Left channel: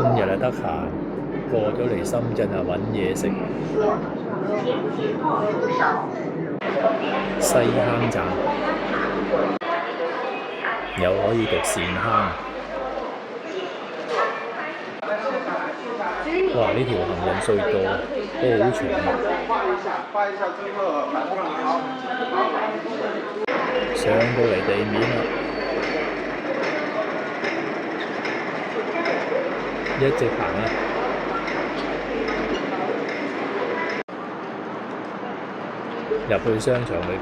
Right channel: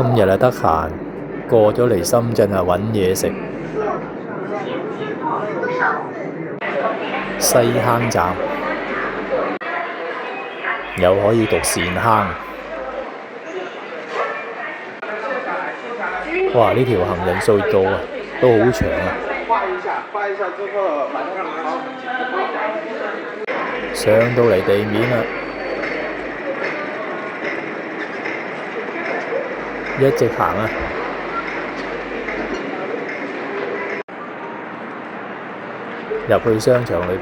今日啊得閒，過咗嚟深圳啊揾嘢食。西坑站又可以讀善坑。哇！呢條行人隧道啊都好長啊。上到嚟地面啦，一直行啊。入去商場裏邊，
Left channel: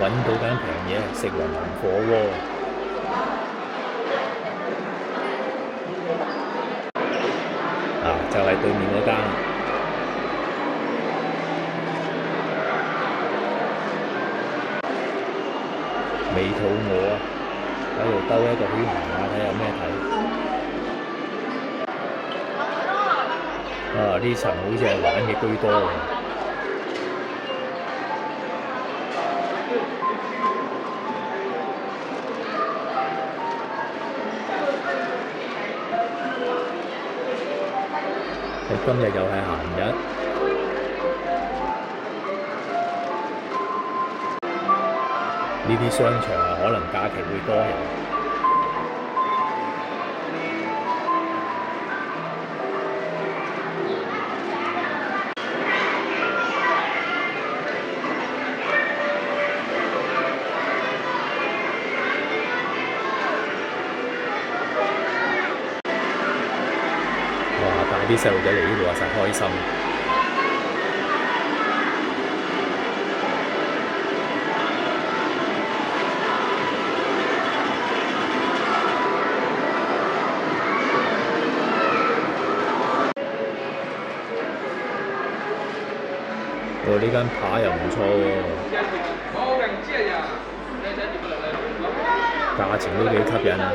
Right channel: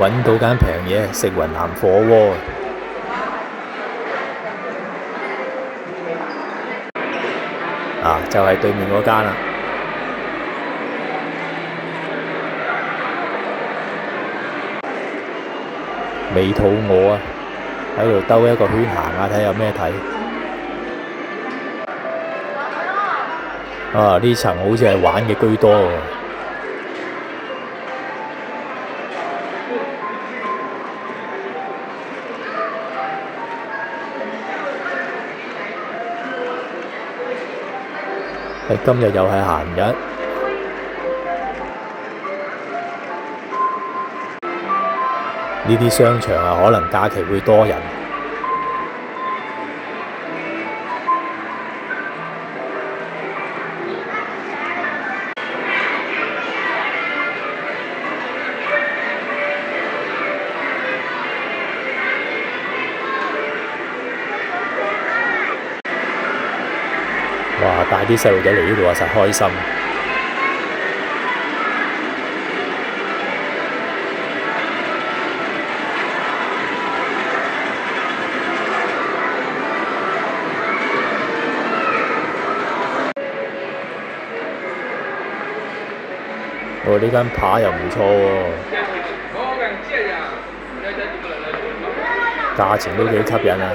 揾到間平嘢食雲南火鍋啊！就係對面嗰間啦。未肚餓啊，喺度兜一個圈行下睇有咩睇。啊！呢層好似係玩嘅居多喎。今日又係閒日，呢啲商場啊，可能假期會多人。哇！帶啲細路仔嚟呢度啊，實開心。呢間扒又唔錯喎，價錢都幾吸引啊！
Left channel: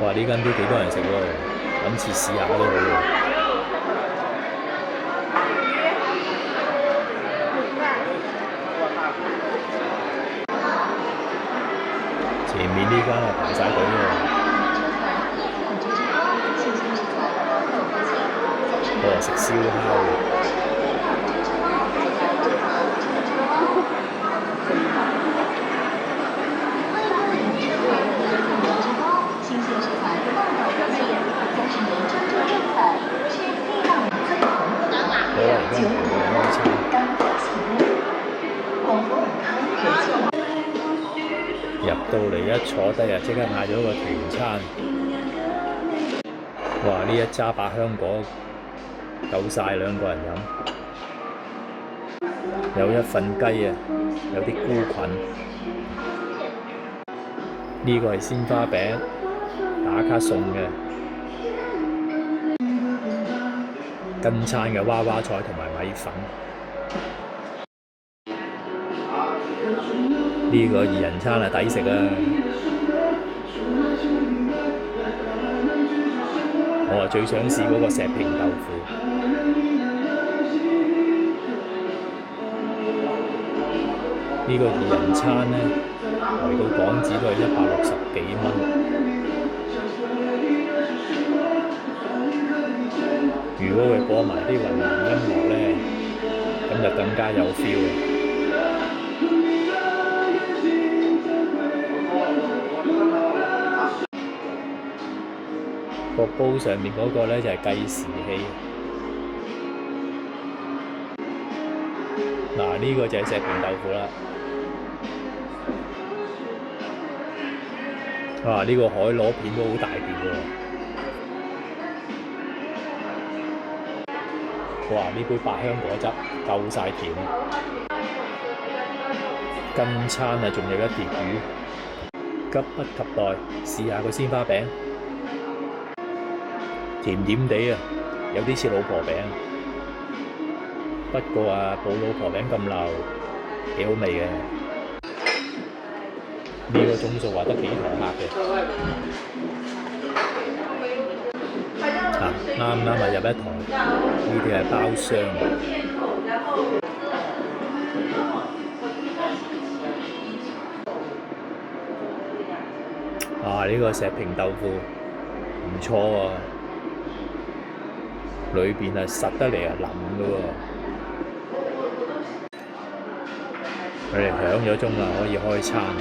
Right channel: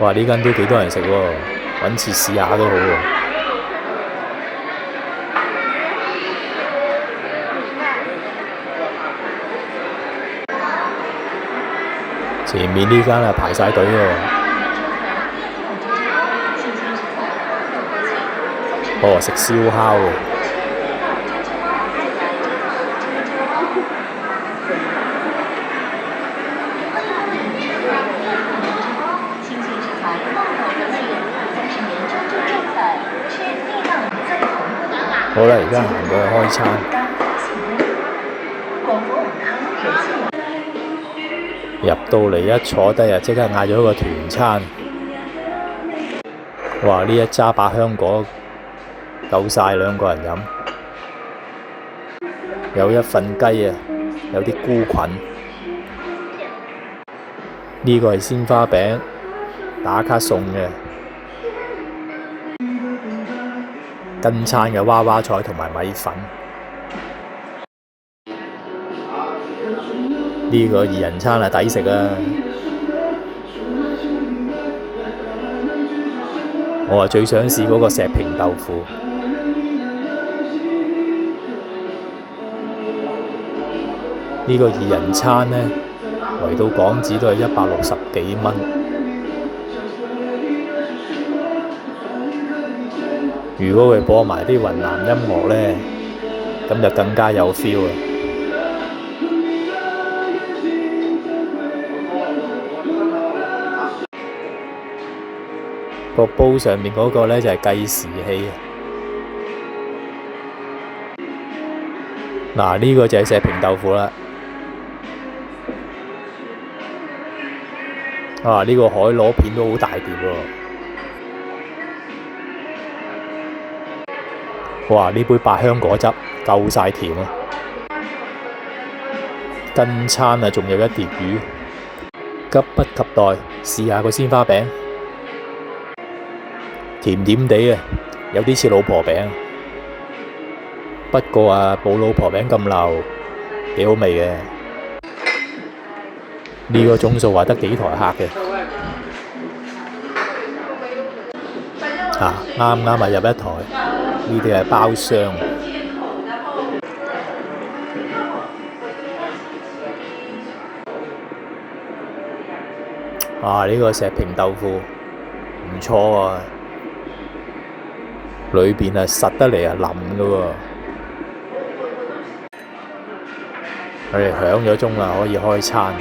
哇！呢間都幾多人食喎，揾次試下都好喎。前面呢間啊排晒隊喎。哦，食燒烤嘅。好啦，而家行過去開餐。入到嚟一坐低啊，即刻嗌咗個團餐。哇！呢一揸百香果夠晒兩個人飲。有一份雞啊，有啲菇菌。呢個係鮮花餅，打卡送嘅。跟餐嘅娃娃菜同埋米粉。呢個二人餐啊，抵食啊！我最想試嗰個石屏豆腐。呢個二人餐呢，嚟到港紙都係160幾蚊。如果佢播埋啲雲南音樂呢，咁就更加有 feel 啦。個煲上面嗰個呢，就係計時器。嗱，呢個就係石屏豆腐啦。啊！呢個海螺片都好大碟喎。哇！呢杯百香果汁夠晒甜啊！跟餐啊，仲有一碟魚，急不及待試下個鮮花餅，甜甜地啊，有啲似老婆餅，不過啊冇老婆餅咁流，幾好味嘅。呢個鐘數話得幾台客嘅。啱啱入一台，呢啲係包廂。呢個石平豆腐唔錯啊，裏邊實得嚟腍㗎喎。佢哋響咗鐘啦，可以開餐。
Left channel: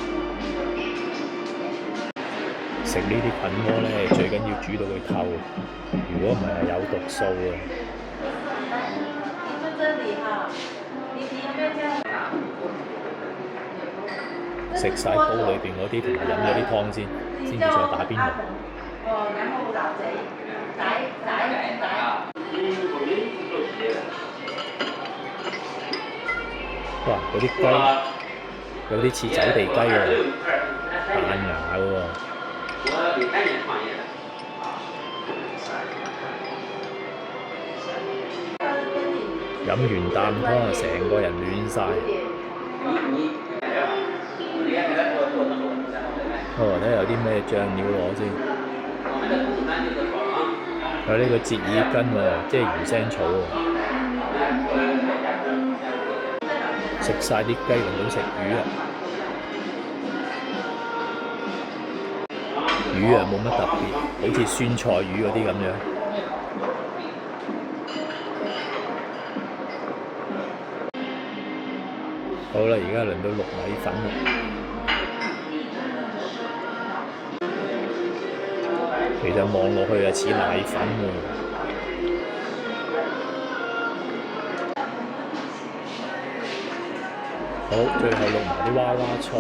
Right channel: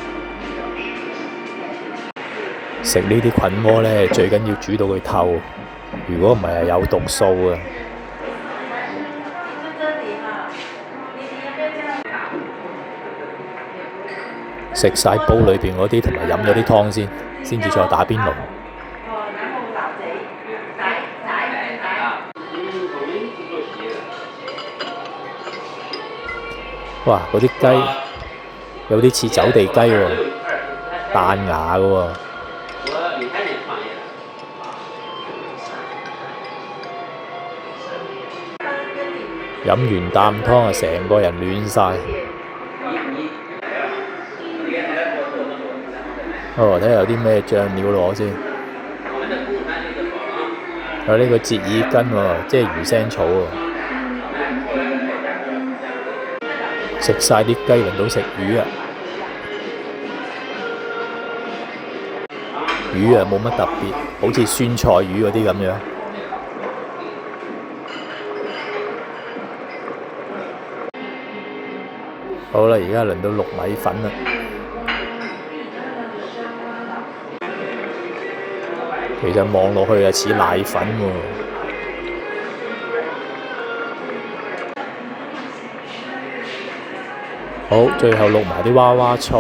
食呢啲菌鍋呢，最緊要煮到佢透，如果唔係有毒素啊。食晒煲裏邊嗰啲，同埋飲咗啲湯先至再打邊爐。哇！嗰啲雞有啲似走地雞喎，彈牙嘅喎。飲完啖湯成個人暖晒。睇下有啲咩醬料攞先。有呢個折耳根喎，即係魚腥草喎。食晒啲雞，輪到食魚啊！魚冇乜特別，好似酸菜魚嗰啲咁樣。好啦，而家輪到淥米粉啦。其實望落去似奶粉喎。好，最後淥埋啲娃娃菜。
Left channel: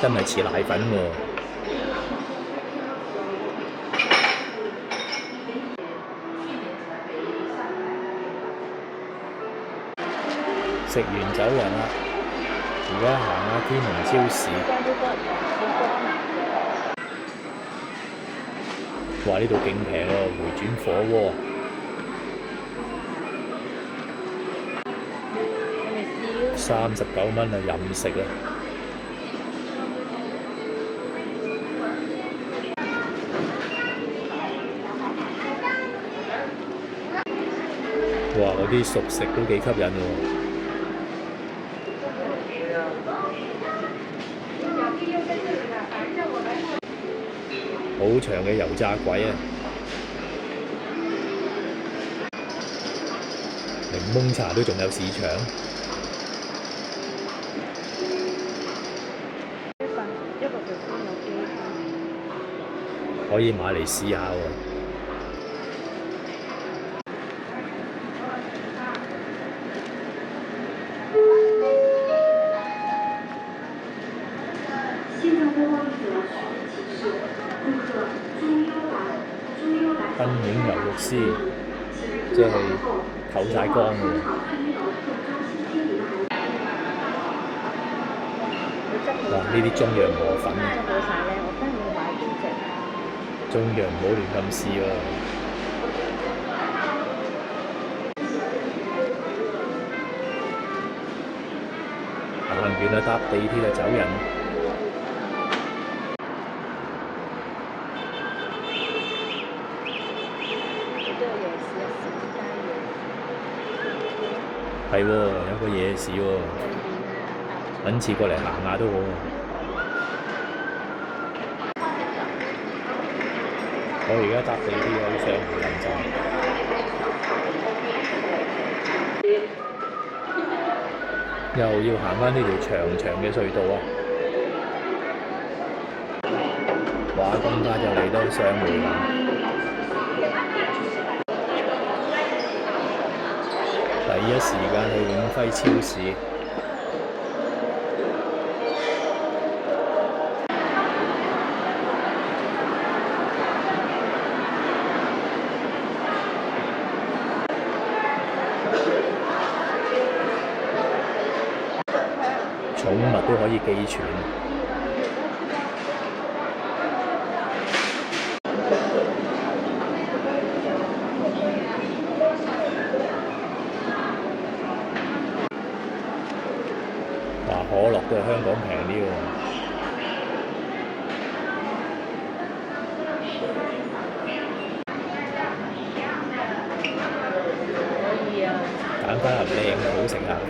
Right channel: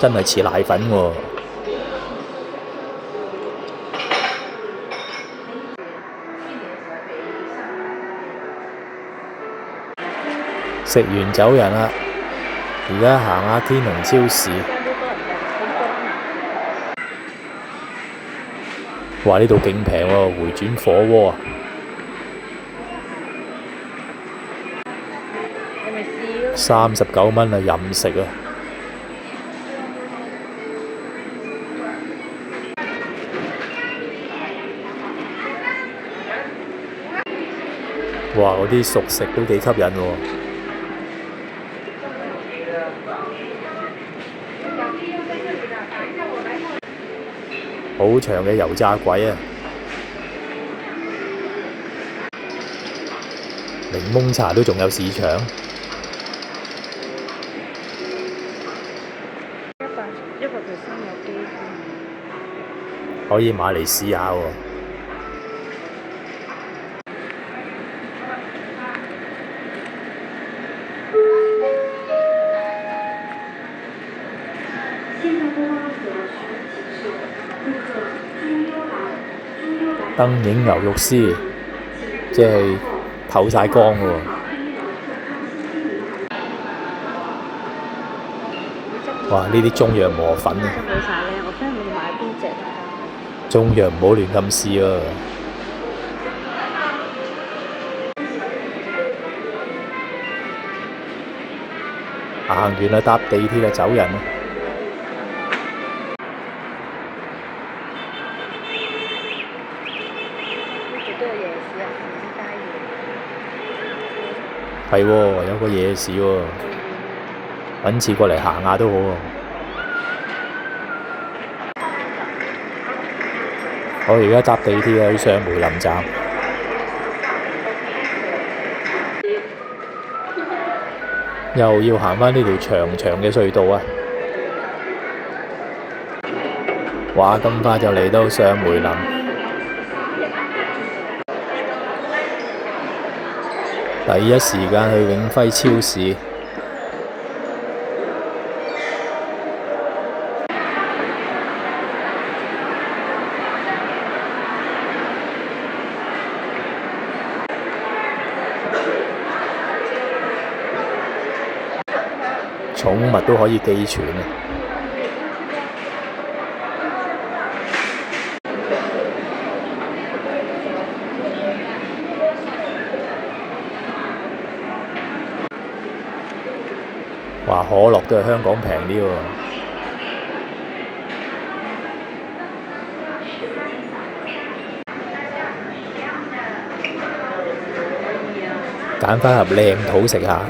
真係似奶粉喎。食完走人啦，而家行下天龍超市。哇！呢度勁平喎，回轉火鍋39蚊啊，任食啊！哇！嗰啲熟食都幾吸引喎。好長嘅油炸鬼啊！檸檬茶都仲有市場。可以買嚟試下喎。燈影牛肉絲，即係透晒光喎。哇！呢啲中藥磨粉啊，中藥唔好亂咁試啊！行完啦，搭地鐵就走人啦。係喎，有個夜市喎，揾次過嚟行下都好喎。我而家搭地鐵去上梅林站，又要行返呢條長長嘅隧道啊！哇，咁快就嚟到上梅林。第一時間去永輝超市。寵物都可以寄存啊！可樂都係香港平啲喎。揀翻盒靚土食下。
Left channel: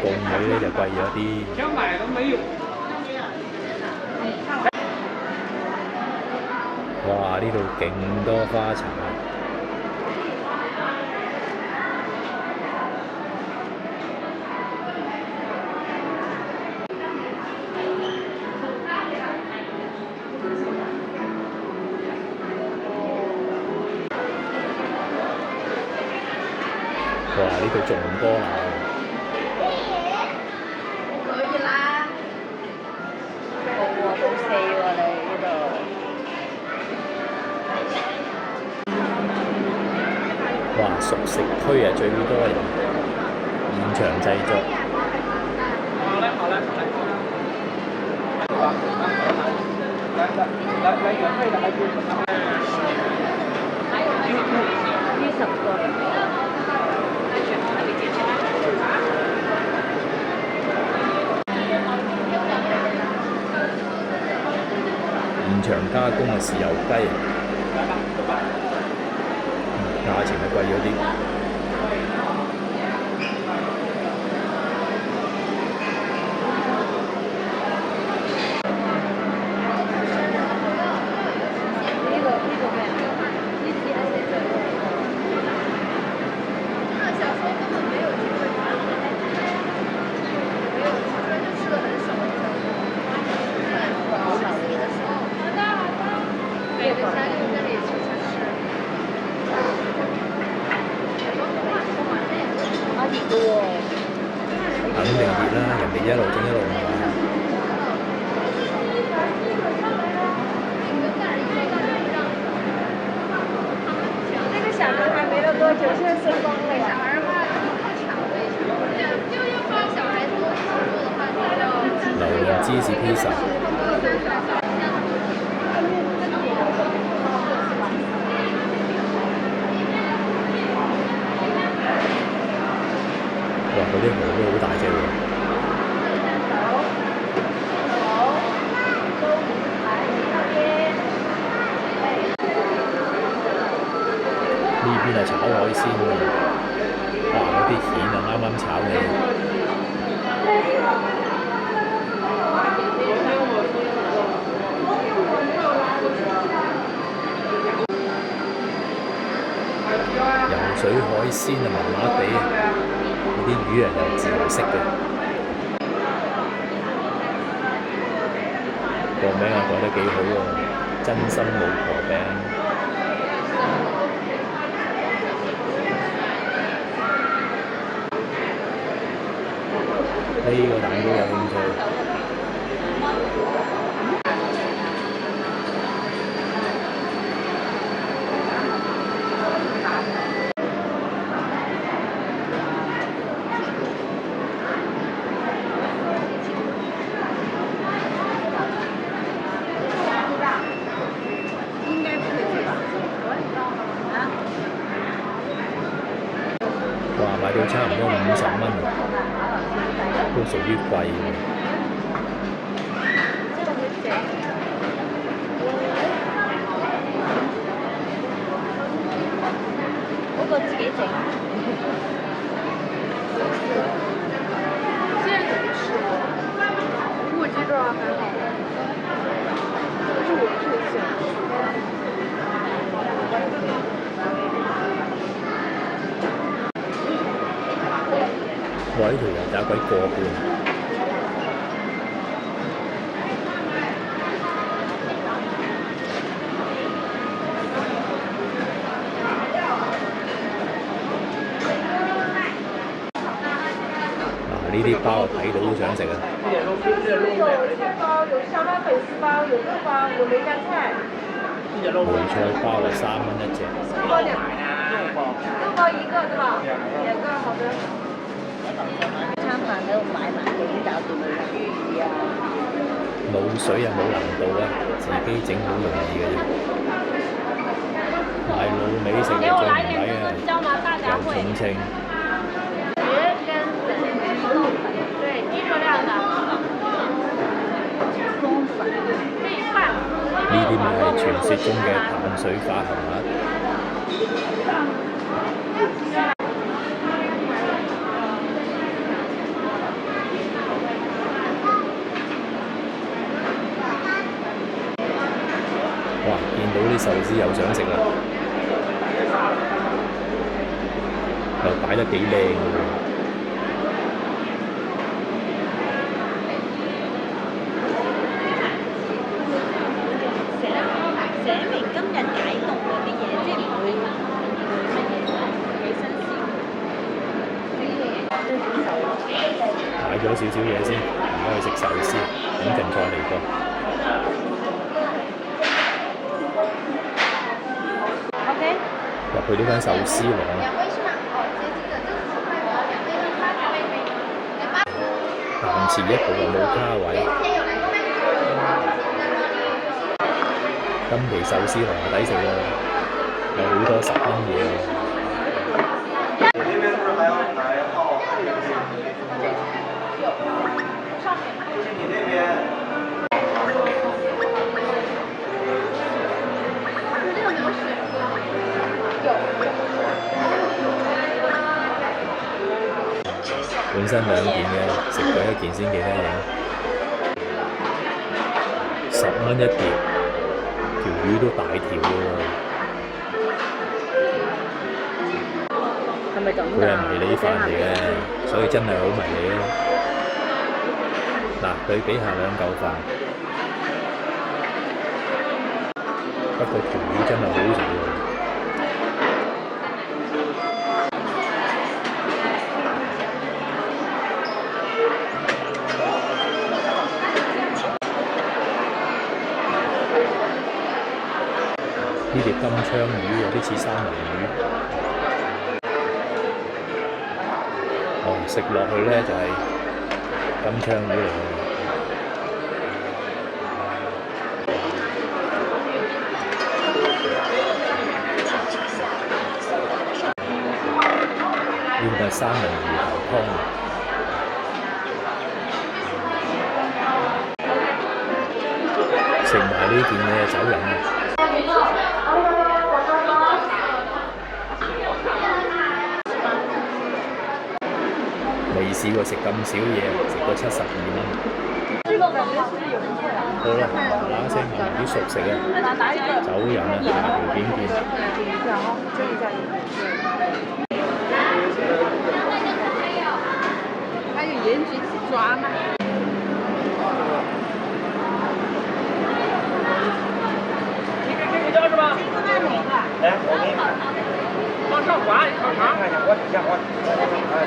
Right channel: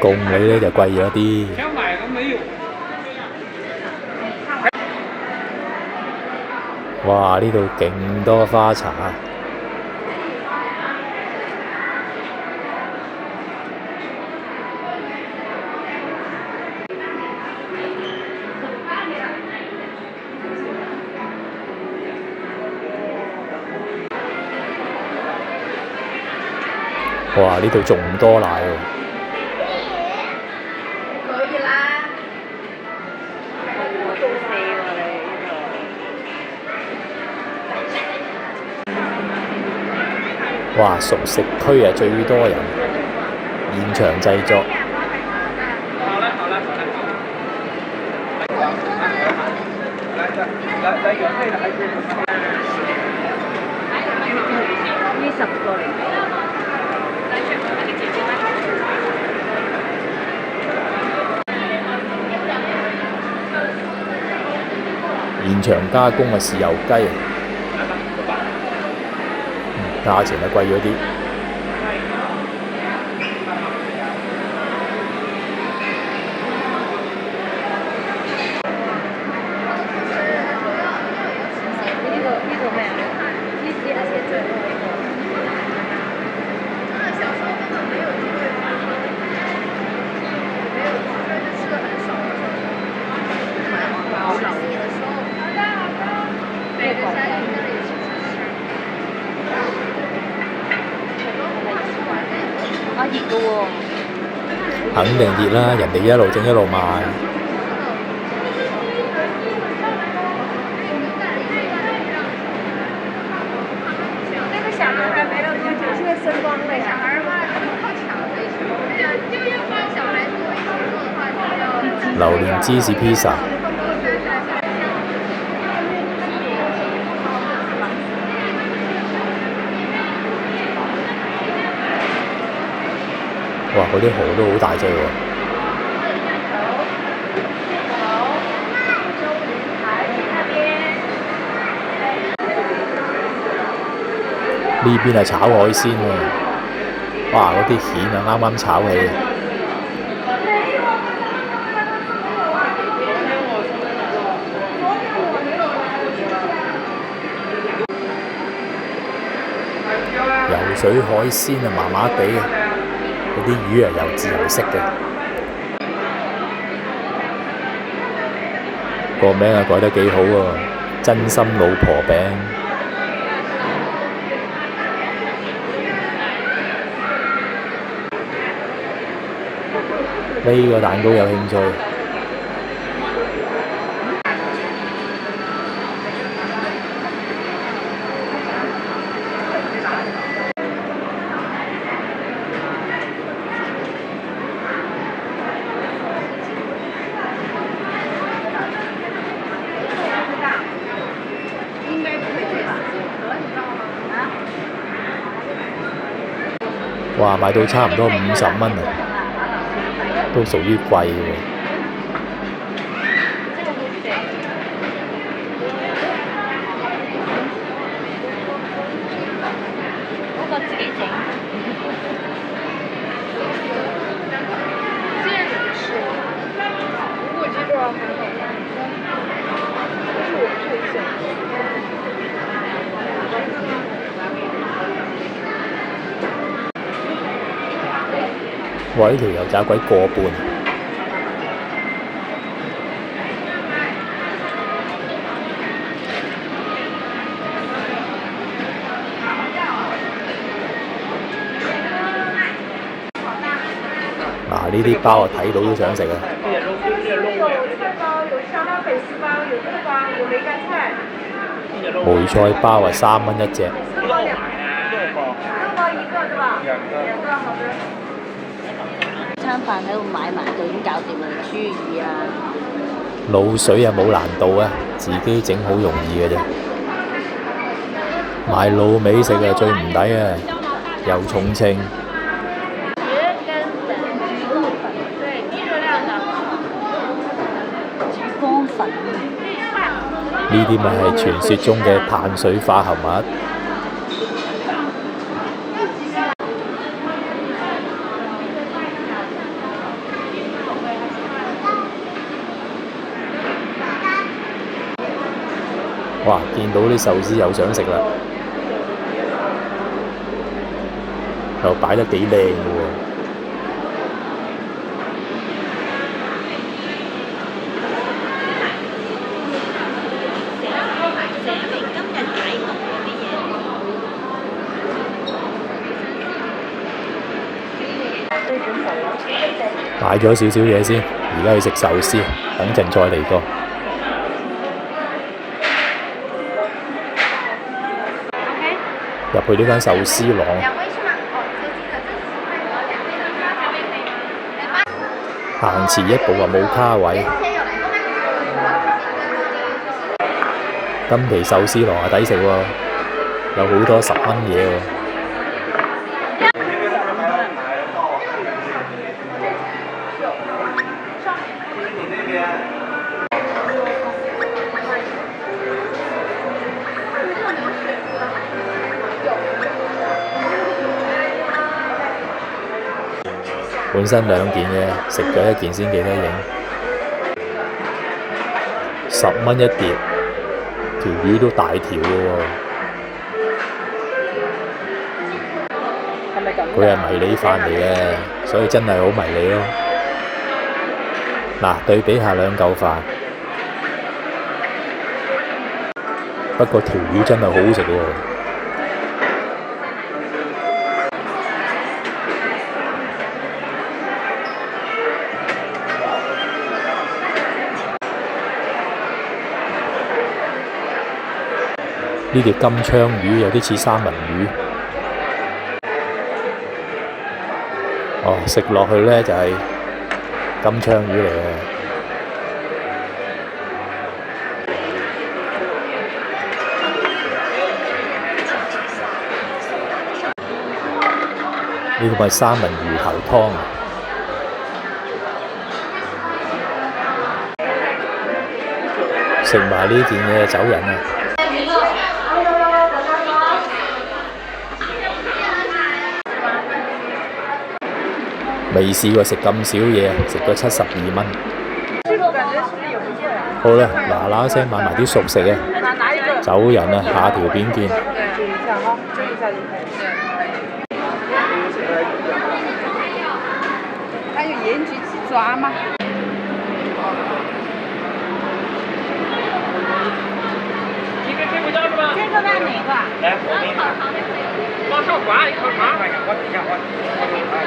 貢女呢就貴咗啲。哇！呢度勁多花茶。哇！呢度仲多奶喎。哇！熟食區啊，最多人，現場製作。現場加工嘅豉油雞啊！價錢就貴咗啲。肯定熱啦，人哋一路整一路賣。那个小男孩没了多久，现在升光了。小孩嘛，好巧的。小孩子做的话，榴蓮芝士披薩。哇！嗰啲蠔都好大隻喎。呢邊係炒海鮮喎。哇！嗰啲蜆啊，啱啱炒起。游水海鮮啊，麻麻地啊。嗰啲魚啊，又自由色嘅。個名啊改得幾好喎，真心老婆餅。呢個蛋糕有興趣。哇！買到差唔多50蚊啊，都屬於貴喎。嗰個自己整。現在怎麼吃？我覺得還好，這是我最喜歡吃。哇！呢條油炸鬼個半。嗱，呢啲包啊睇到都想食啊！有菜包，有香辣粉絲包，有豆包，有梅乾菜。梅菜包啊，3蚊一隻。豆包2個，豆包1個對吧？2個好的。餐飯喺度買埋就已經搞掂啦，豬耳啊，滷水啊冇難度啊，自己整好容易嘅啫。買滷味食啊最唔抵啊，又重稱。魚跟粉，對，低熱量的。呢啲咪係傳說中嘅碳水化合物。哇！見到啲壽司又想食啦，又擺得幾靚嘅喎。買咗少少嘢先，而家去食壽司，等陣再嚟過。入去呢間壽司郎，行前一步話冇卡位。金皮壽司郎啊，抵食喎，有好多10蚊嘢喎。本身2件嘅，食咗1件先記得影。10蚊一碟，條魚都大條嘅喎。佢係迷你飯嚟嘅，所以真係好迷你咯。嗱，對比下2嚿飯，不過條魚真係好好食喎。呢條金槍魚有啲似三文魚，哦，食落去呢就係金槍魚嚟嘅。呢個係三文魚頭湯，食埋呢件嘅走人啊！未試過食咁少嘢，食咗72蚊。好啦，嗱聲買埋啲熟食啊，走人啊，下條片見。還有鹽焗雞爪嗎？一个屁股胶是吧？这个在哪个？来，我给你往上滑一块滑。我底下我。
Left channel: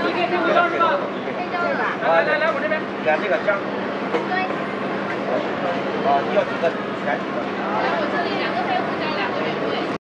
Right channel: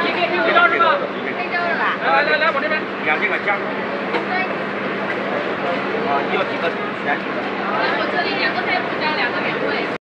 一个屁股胶是吧？黑椒是吧？来，我这边。2个姜。对。你要几个？2个。我这里2个黑胡椒，2个原味。